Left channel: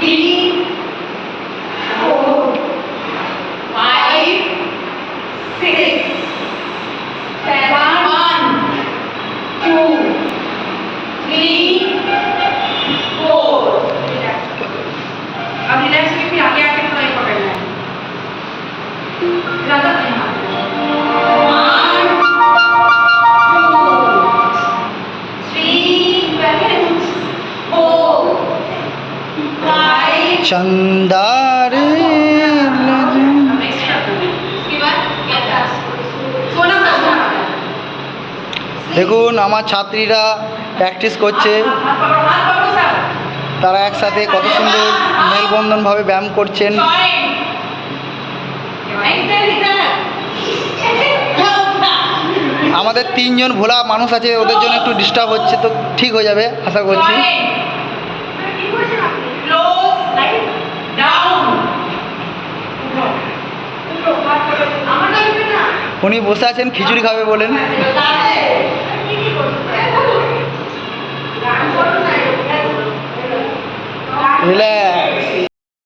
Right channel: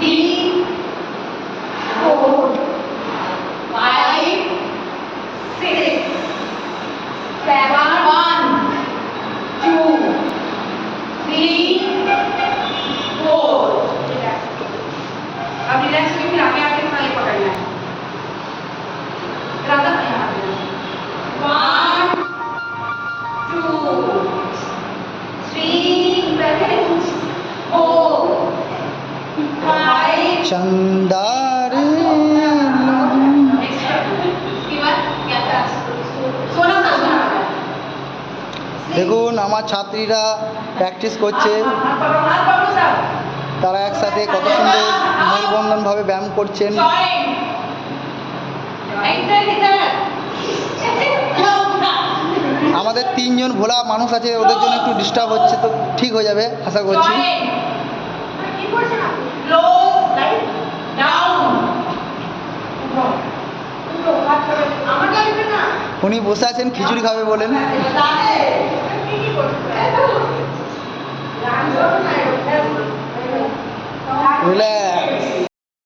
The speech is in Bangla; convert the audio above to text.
3, 4, 5, 6, 7, 1, 2, 3, 4. अब रिलैक्स करके फिर आगे आके थोड़ा ये पकड़ना है। इरादा से यहाँ 1, 2, 3, 4, 5. चंदार দেখুন আমার ছাত্রীরা প্র্যাকটিস করছে, তারা একসাথে কত সুন্দর মেলবন্ধনভাবে ব্যায়াম করছেন। আমাদের 3 জন ভোলা মানুষ আছে, ওদের জন্য একটু ডিস্টার্ব হচ্ছে, তো ঠিক হয়ে যাবে আশা করছি। উনি বসে আছেন খিচুড়ি খাবে বলেন। রিল্যাক্স।